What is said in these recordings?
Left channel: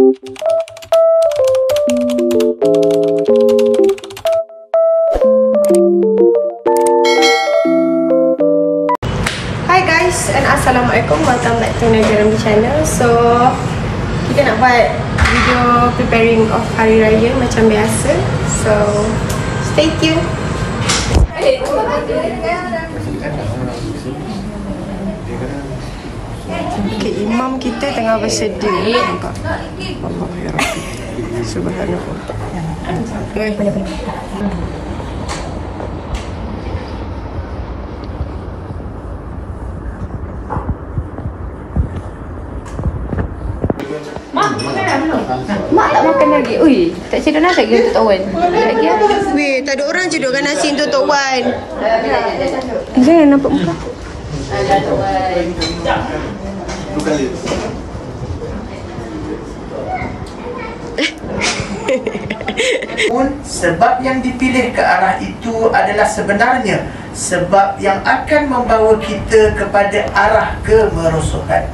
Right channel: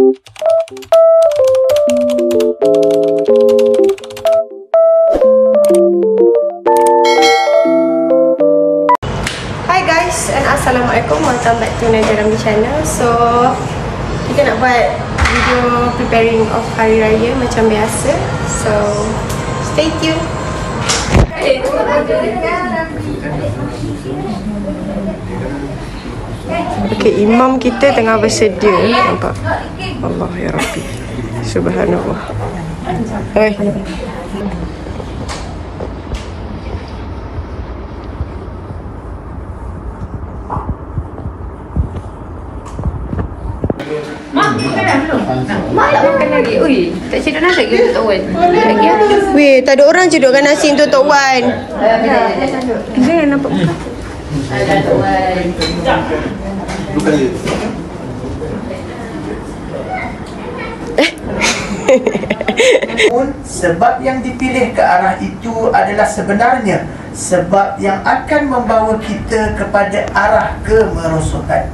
Hi guys and Assalamualaikum, welcome back to Najah Ramli channel. So kita nak buat video preparing of Hari Raya macam biasa. So stay tuned. Okay, imam kita tengah bersedia. Nampak? Allah ya Rabbi, Subhanallah. Hai. Ui, tak cedok nasi lagi untuk Wan. Weh, tak ada orang cedokkan nasi untuk Tok Wan. Jangan nampak muka. Sebab yang dipilih ke arah itu adalah sebenarnya sebab yang akan membawa kita kepada arah kemerosohan.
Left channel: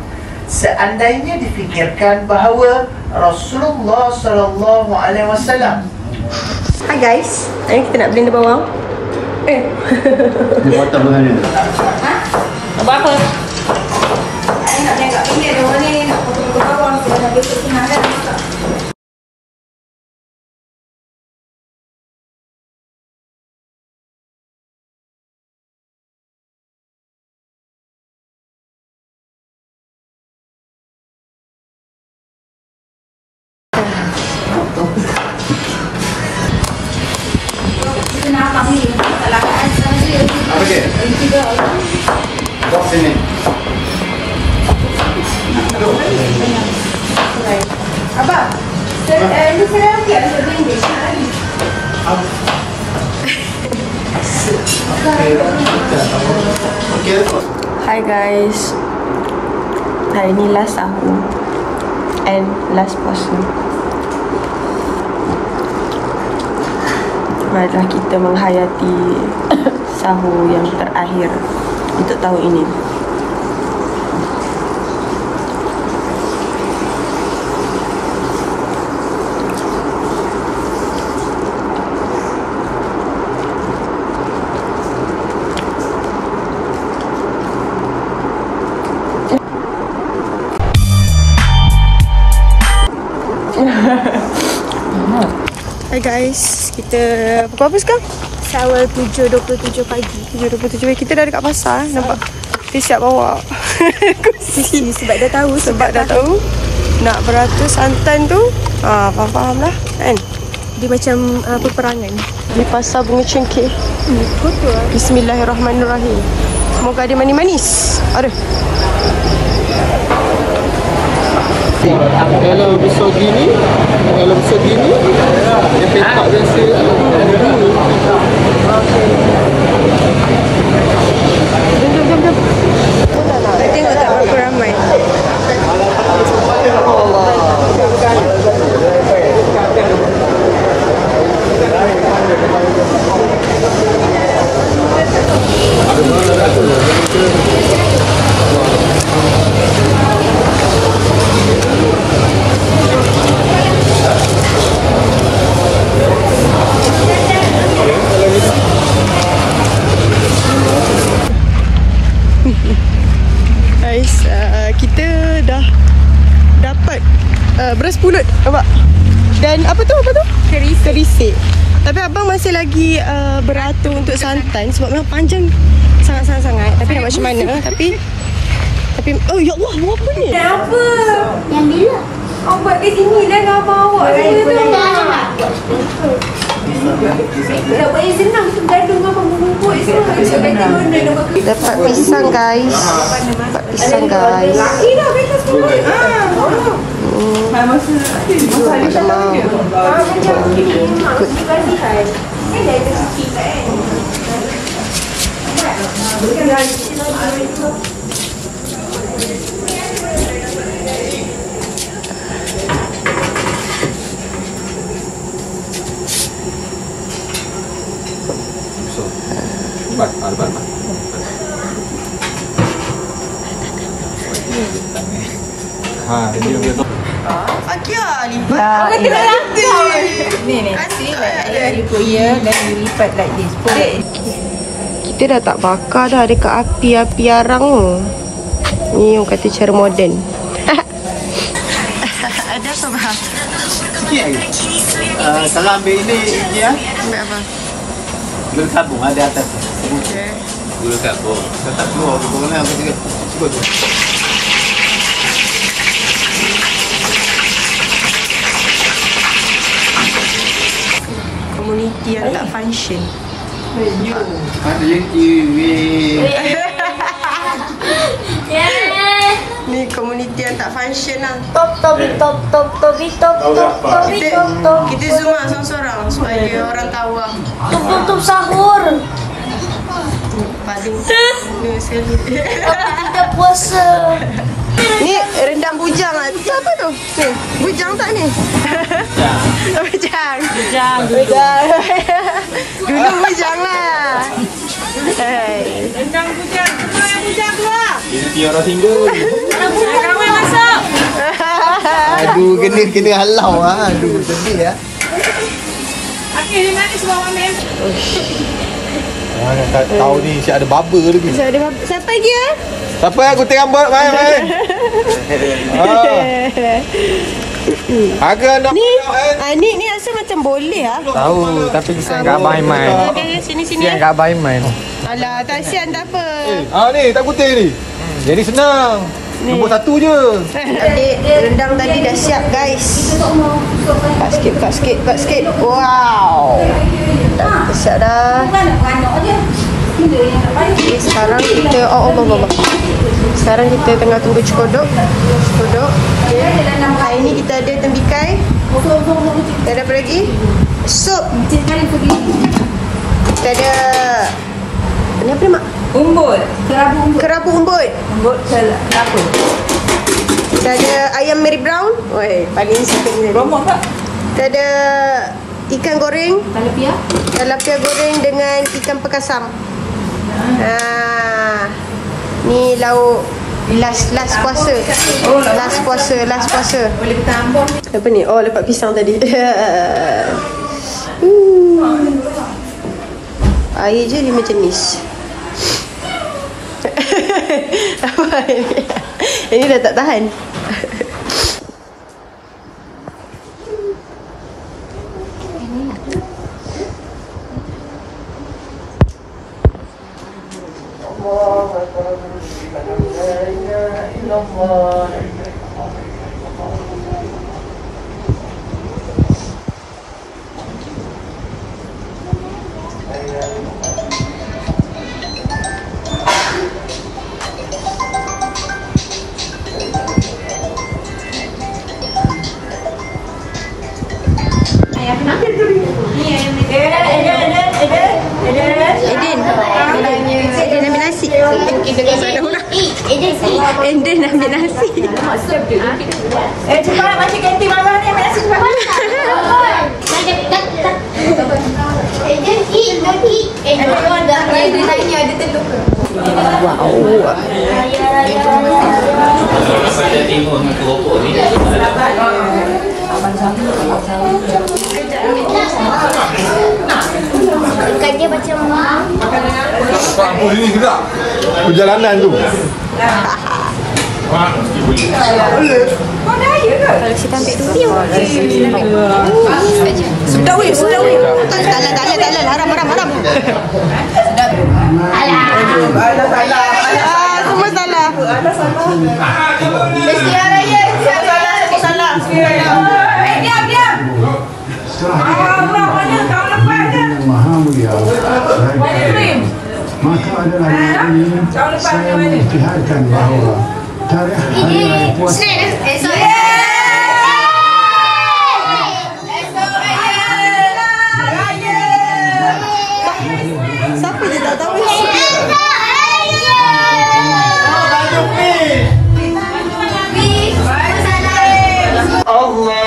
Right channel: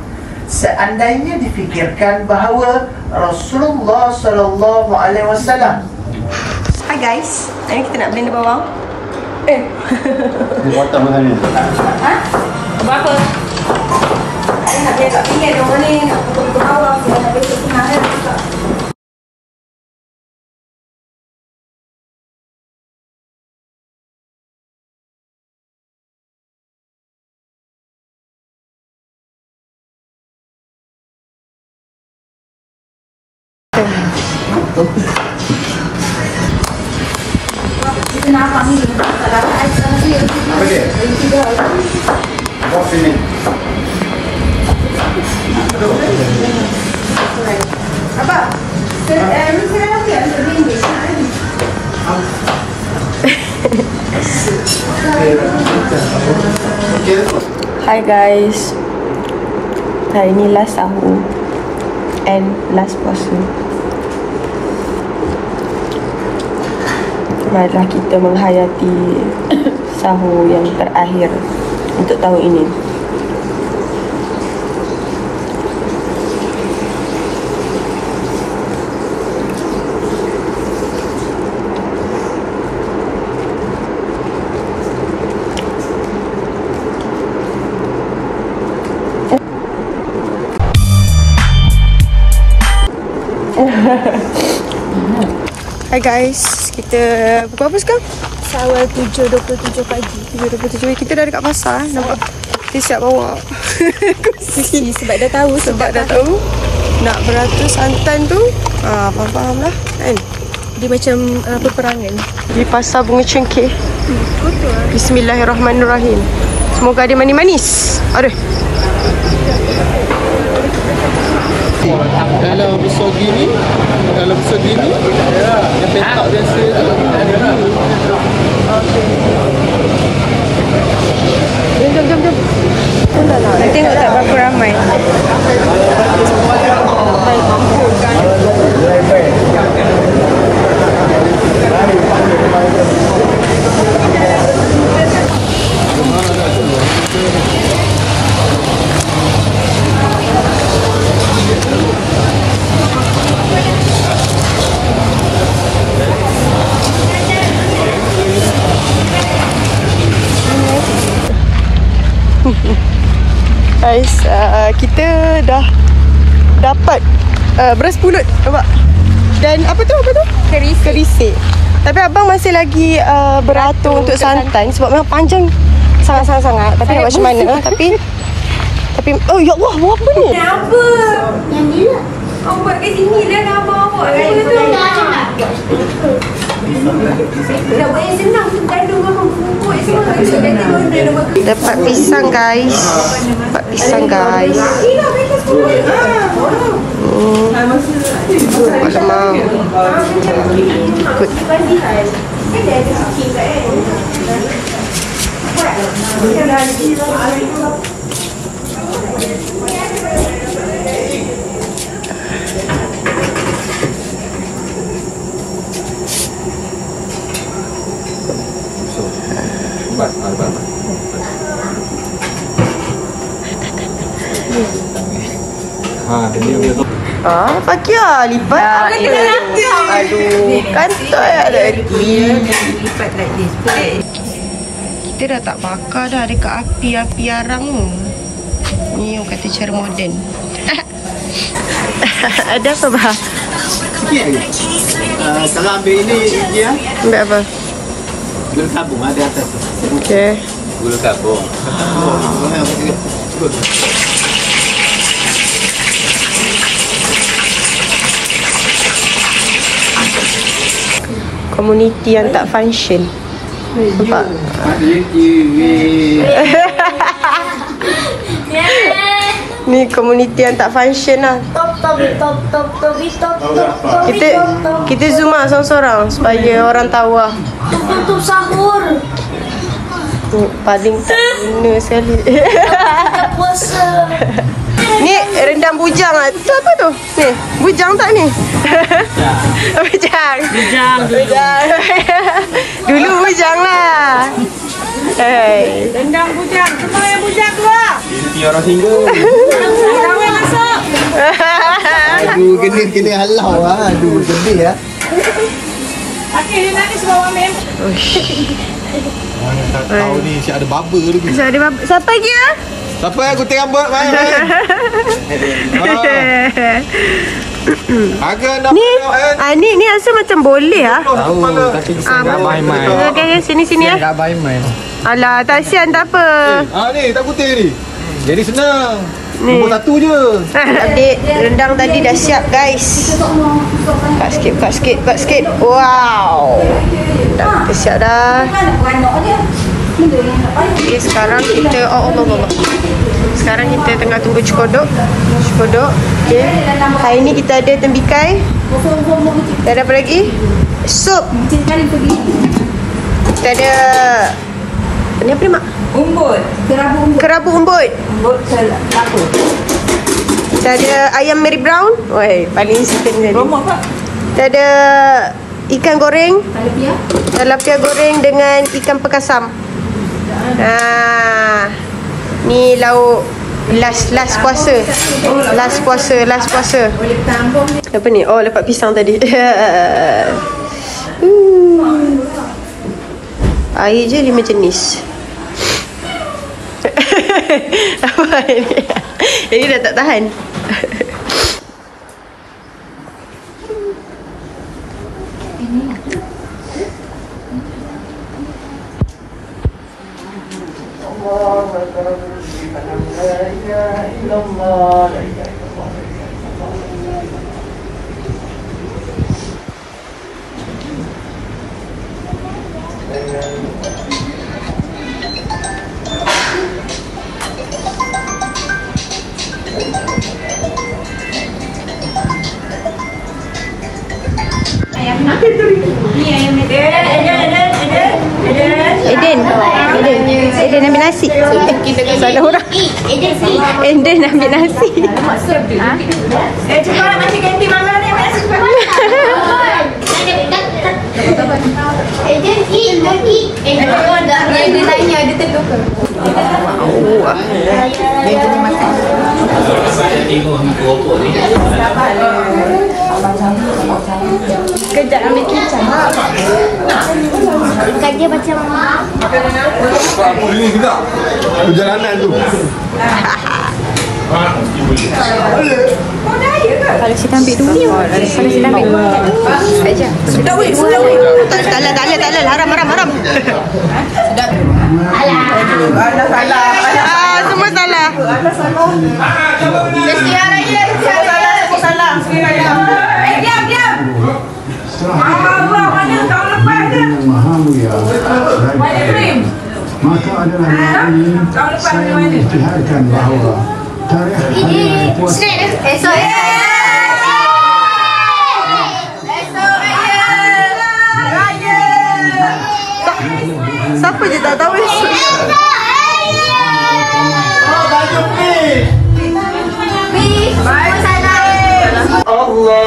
Seandainya difikirkan bahawa Rasulullah sallallahu alaihi wasallam. Hi guys, hari kita nak blend bawang. Berapa? Saya nak blend kat pinggir bawang ni, nak potong bawang, nak besok kemarin juga. Okey. Dok sini. Apa? Ini saya nanti ada blend. Hi guys, hari ni last sahur and last puasa. Marilah kita menghayati sahur yang terakhir untuk tahun ini. Hai guys, kita pukul apa sekarang? Awal 7.27 pagi. 7.27 pagi. Kita dah dekat pasar. Nampak? Kita siap bawa kursi. Sebab dah tahu. Sebab dah tahu nak beratus santan tu. Faham lah kan? Dia macam peperangan di pasar Bunga Cengkeh. Bismillahirrahmanirrahim. Semoga ada manis-manis. Ada. Dalam besar gini, dia petak biasa. Jom. Nak tengok tak berapa ramai. Guys, kita dah dapat beras pulut, nampak? Dan apa tu? Kerisik. Tapi abang masih lagi beratur untuk santan sebab memang panjang sangat-sangat. Tapi nak macam mana? Tapi oh ya Allah, buat apa ni? Apa? Yang dia. Awak buat kat sini lah dah bawa. Senang gandum abang bubuk semua. Dapat pisang guys. Alamak. Good. Pakai lah lipat. Kantor Dari Korea dan lipat like this. Kita dah tak bakar dah dekat api arang tu. Ni orang kata cara moden. Ada apa bah? Sikit lagi. Kalau ambil ini dia, Ambil apa? gula sabung ada atas. Okey. Gula sabung. Komuniti yang tak function. Nampak? Ni komuniti yang tak function lah. Kita zoom lah seorang-seorang supaya orang tahu lah. Tutup sahur. Paling tak guna sekali. Puasa. Ni rendang bujang lah. Tu apa tu? Ni, bujang tak ni? Bujang. Bujang. Dulu bujang lah. Hey. Rendang bujang. Semua yang bujang keluar. Ini orang single. Ramai masuk. Aduh, kena halau ah. Aduh, sedih ah. Okey, dia nangis bawa mem. Mana tak tahu ni si ada baba lagi. Siapa lagi ah? Siapa yang gunting rambut main? Agak nak Ni rasa macam boleh ah. Tahu tapi kesian kat Abang Aiman. Okey, sini Kesian kat Abang Aiman. Alah, tak sian tak apa. ni tak gunting ni. Jadi senang. Ni. Nombor satu je. Adik, rendang tadi dah siap guys. Cut sikit. Wow. Dah siap dah. Okay, sekarang kita Allah. Sekarang kita tengah tunggu cekodok. Okay. Hari ni kita ada tembikai. Kita ada apa lagi? Sup. Kita ada ni apa ni mak? Umbut. Kerabu umbut. Umbut selaku. Kita ada ayam Mary Brown. Woi, paling suka ni tadi. Kita ada ikan goreng. Tilapia goreng dengan ikan pekasam. Ni lauk last puasa. Last puasa. Apa ni? Oh, lepas pisang tadi. Air je 5 jenis. Apa ini? Ini dah tak tahan. Eden ambil nasi. Salah orang. Eden ambil nasi. Cepat macam ganti mama ni nasi cepat. Wow. Saya tengok ni keropok ni. Kejap ambil kicap. Ikan dia macam Apa ini juga? Perjalanan tu. Sedap weh. Tak lah. Haram. Semua salah. Diam. Maha Mulia maka adalah hari ini saya mengisytiharkan bahawa tarikh hari raya puasa Siapa je tak tahu. Allahu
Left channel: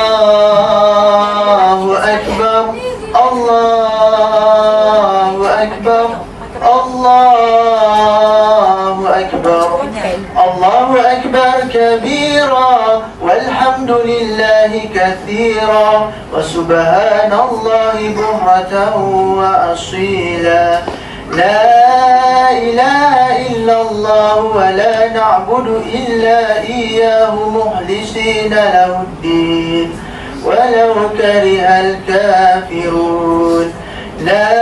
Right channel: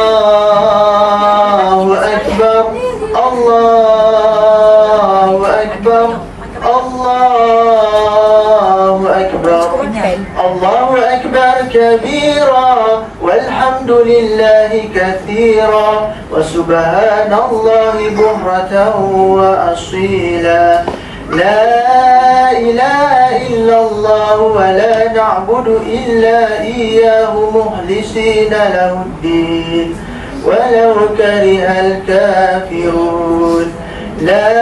Akbar. Allahu Akbar. Allahu Akbar. Allahu Akbar kabira. كثيرا وسبحان الله بكرة وأصيلا لا إله إلا الله ولا نعبد إلا إياه مخلصين له الدين ولو كره الكافرون لا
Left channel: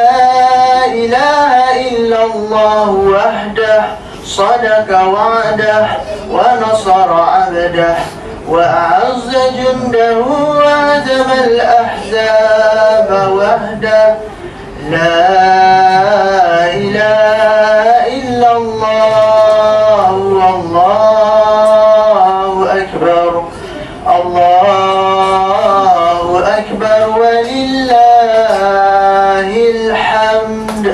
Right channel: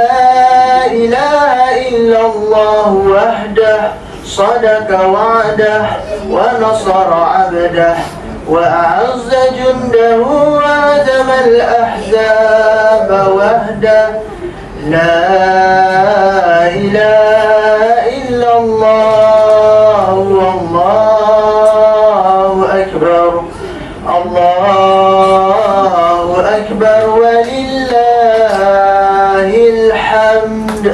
إله إلا الله وحده صدق وعده ونصر عبده وأعز جنده وهزم الأحزاب وحده لا إله إلا الله والله أكبر الله أكبر ولله الحمد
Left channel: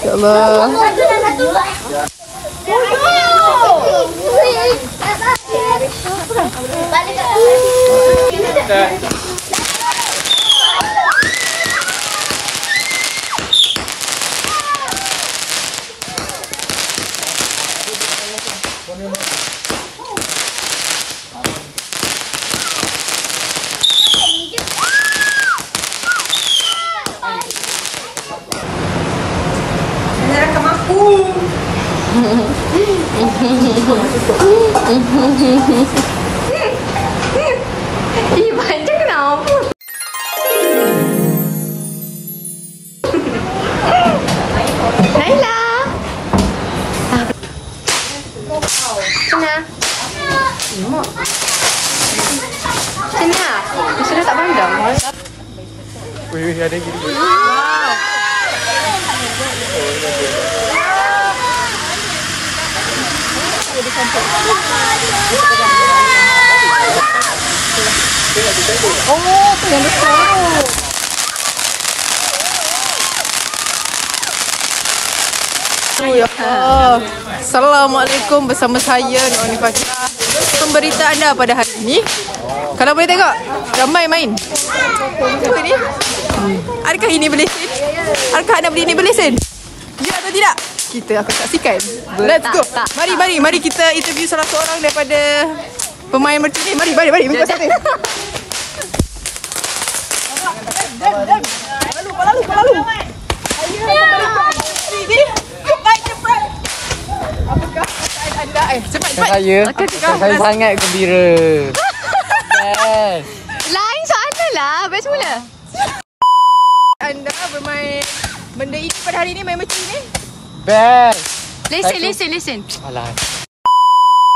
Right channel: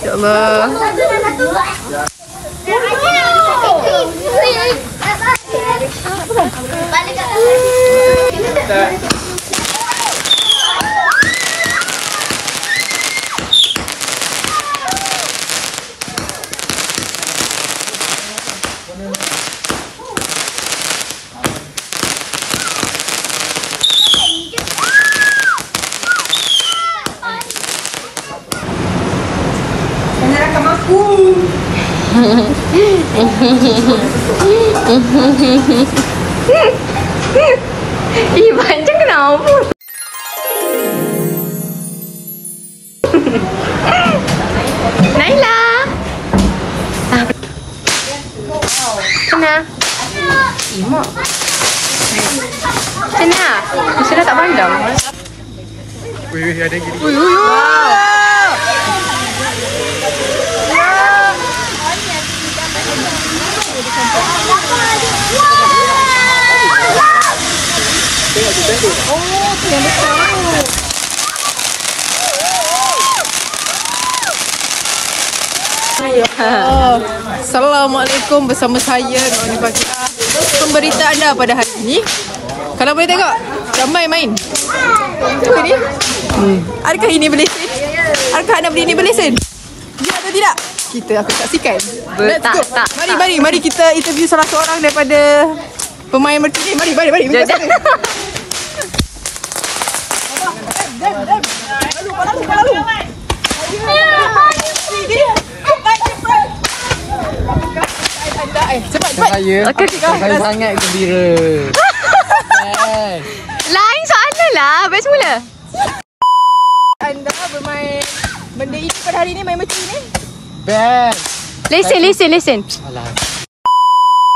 Ya Allah. Ih, panjang kenapa? Naila. Kena. Mak. Kena. Kena tak pandang. Wih, ada gini. Wow. Assalamualaikum, bersama saya Nur Fakiah. Pemberita anda pada hari ini. Kalau boleh tengok, ramai main. Itu dia. Adakah ini berlesen? Adakah anda beli ini berlesen? Ya atau tidak? Kita akan saksikan. Let's go. Mari kita interview salah seorang daripada pemain mercu ni. Mari. Lalu. Cepat. Apakah perasaan anda? Cepat. Saya sangat gembira. Lain soalan lah. Best mula. Anda bermain benda ini pada hari ini, main mercu ni? Best. Lesen. Alah.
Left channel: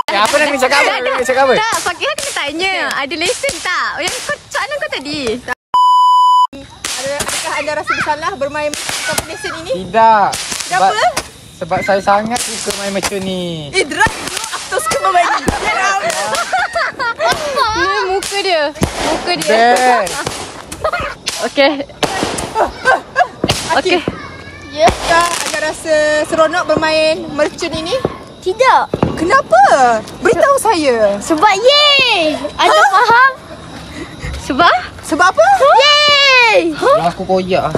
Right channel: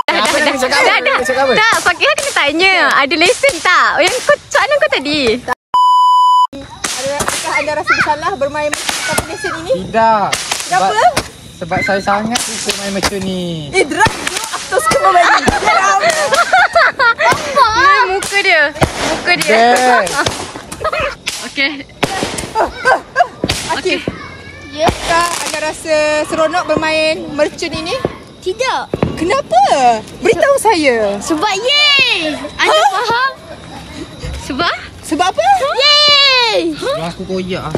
Apa nak cakap apa? Tak, Fakiah kena tanya. Ada lesen tak? Soalan kau tadi. Adakah anda rasa bersalah bermain tanpa lesen ini? Tidak. Kenapa? Sebab saya sangat suka main macam ni. Drag you after suka main. Ni muka dia. Okey. Okey. Yaskah anda rasa seronok bermain merchant ini? Tidak. Kenapa? Beritahu saya. Sebab yeay. Anda faham? Sebab apa? Yeay. Yang aku koyak.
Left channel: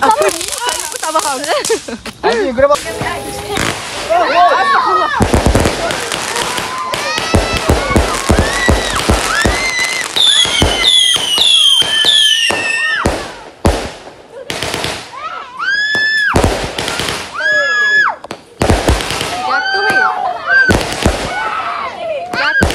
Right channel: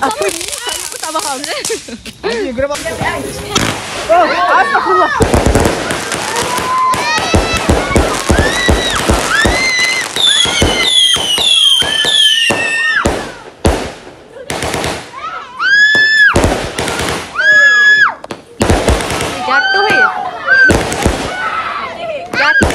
Apa ni? Saya pun tak faham. Ayo, kena buat. Jatuh eh. Jatuh.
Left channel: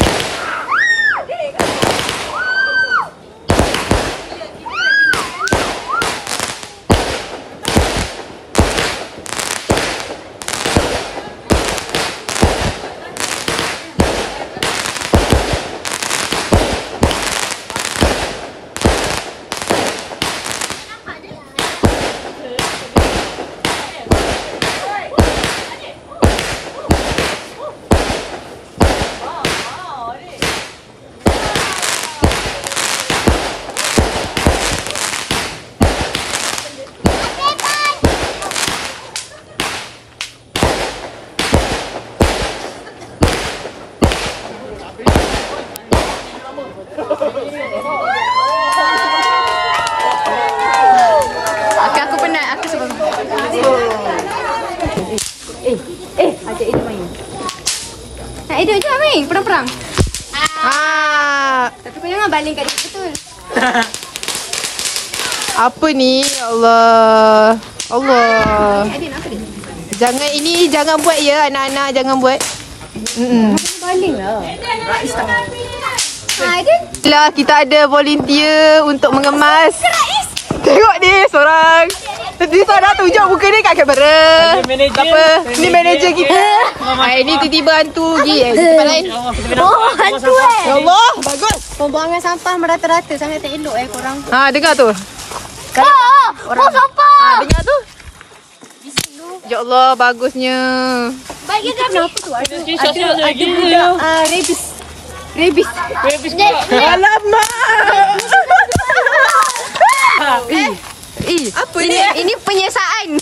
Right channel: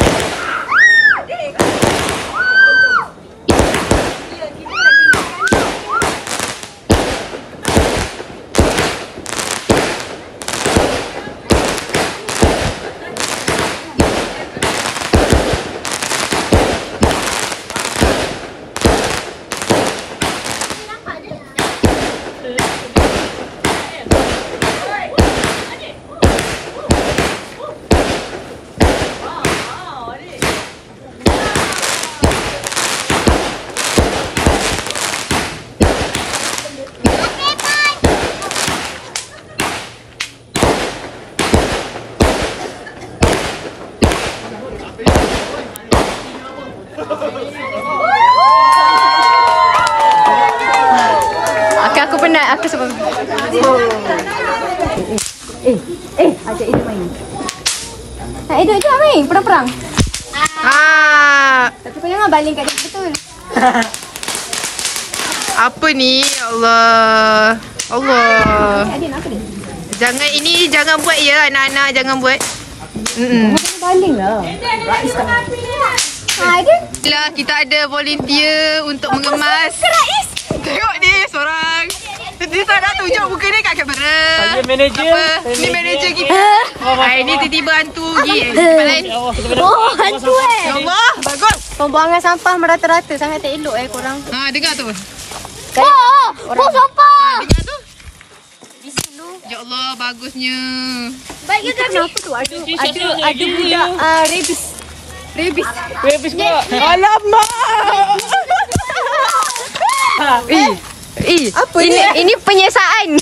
Aku penat. Aku sebab Ajak Edo main. Nak Edo je main. Perang-perang. Tapi kau jangan baling kat dia betul. apa ni? Allah. Adik nak apa ni? Jangan buat ya anak-anak, jangan buat. Kau baling lah. Adik. Lah kita ada volunteer untuk mengemas. Tengok ni seorang. Dia tak nak tunjuk muka dia kat kamera. Saya manager. Apa? Ni manager kita. Ini tiba-tiba hantu pergi tempat lain. Oh, hantu Ya Allah, bagus. Pembuangan sampah merata-rata sangat tak elok korang. Dengar tu. Sampah. Dengar tu. Ya Allah, bagusnya. Itu kenapa tu? Ada budak rabies. Alamak. Apa ni? Ini penyiasaan.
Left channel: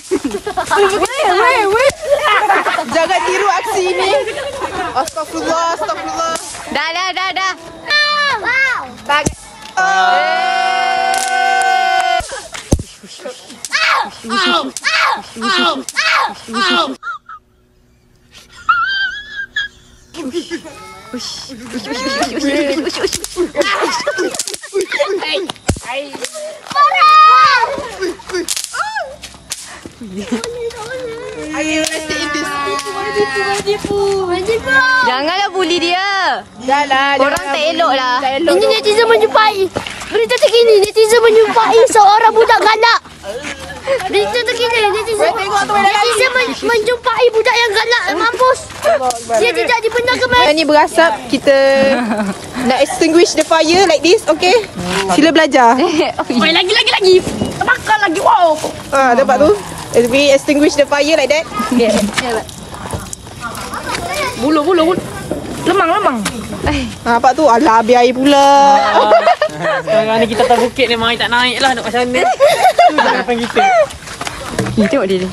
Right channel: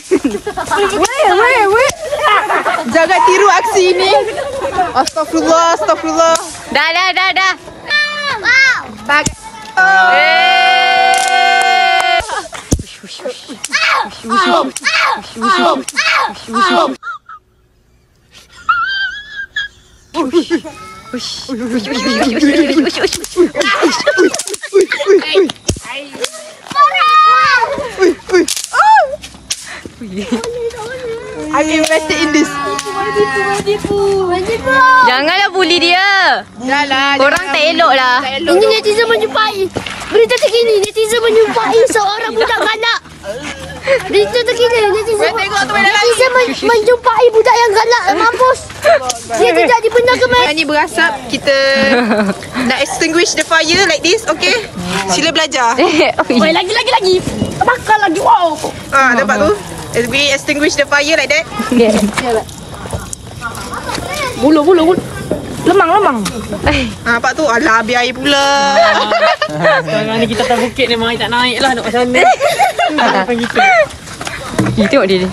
Jangan tiru aksi ini. Astagfirullah. Dah. I am invested in this. Janganlah bully dia. Korang tak elok lah. Ini netizen menjumpai berita terkini. Netizen menjumpai seorang budak galak. Berita terkini. Netizen menjumpai budak yang galak. Mampus. Dia tidak dibenarkan main. Yang ni berasap. Kita nak extinguish the fire like this. Okay? Sila belajar. Oi, lagi. Bakar lagi. Wow. Dapat tu. We extinguish the fire like that. Bulu. Lemang. Apa tu? Alah, habis air pula. Sekarang ni kita atas bukit ni, mai tak naik lah nak macam mana. Bukan kita. Tengok dia ni.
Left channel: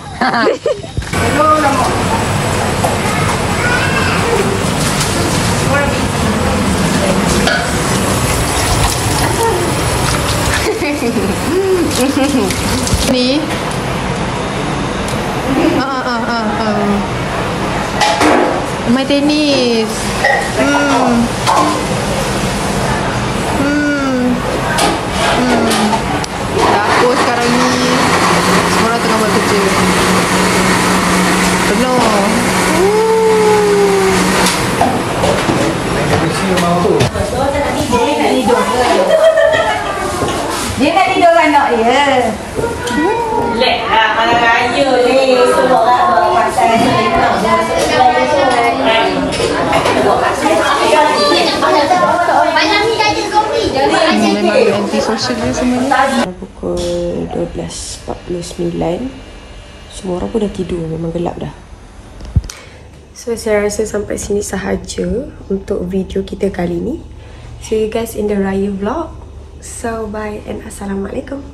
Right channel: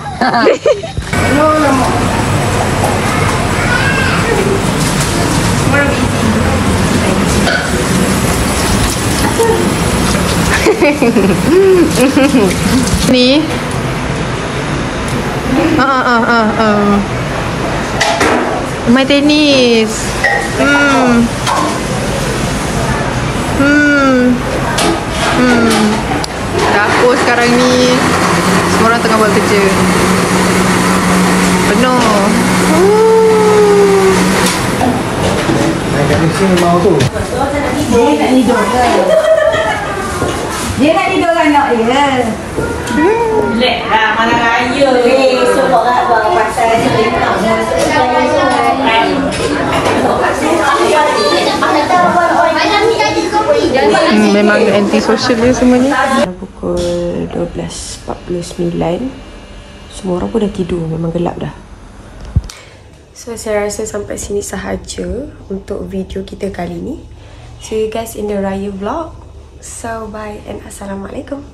Ni. Main tenis. Dapur sekarang ni semua orang tengah buat kerja. Penuh. Dia nak tidur kan nak dia. Lek lah, malam raya ni. Malam ni tak ada kopi. Memang anti-social dia semuanya. Pukul 12.49. Semua orang pun dah tidur. Memang gelap dah. So saya rasa sampai sini sahaja untuk video kita kali ni. See you guys in the Raya vlog. So bye and Assalamualaikum.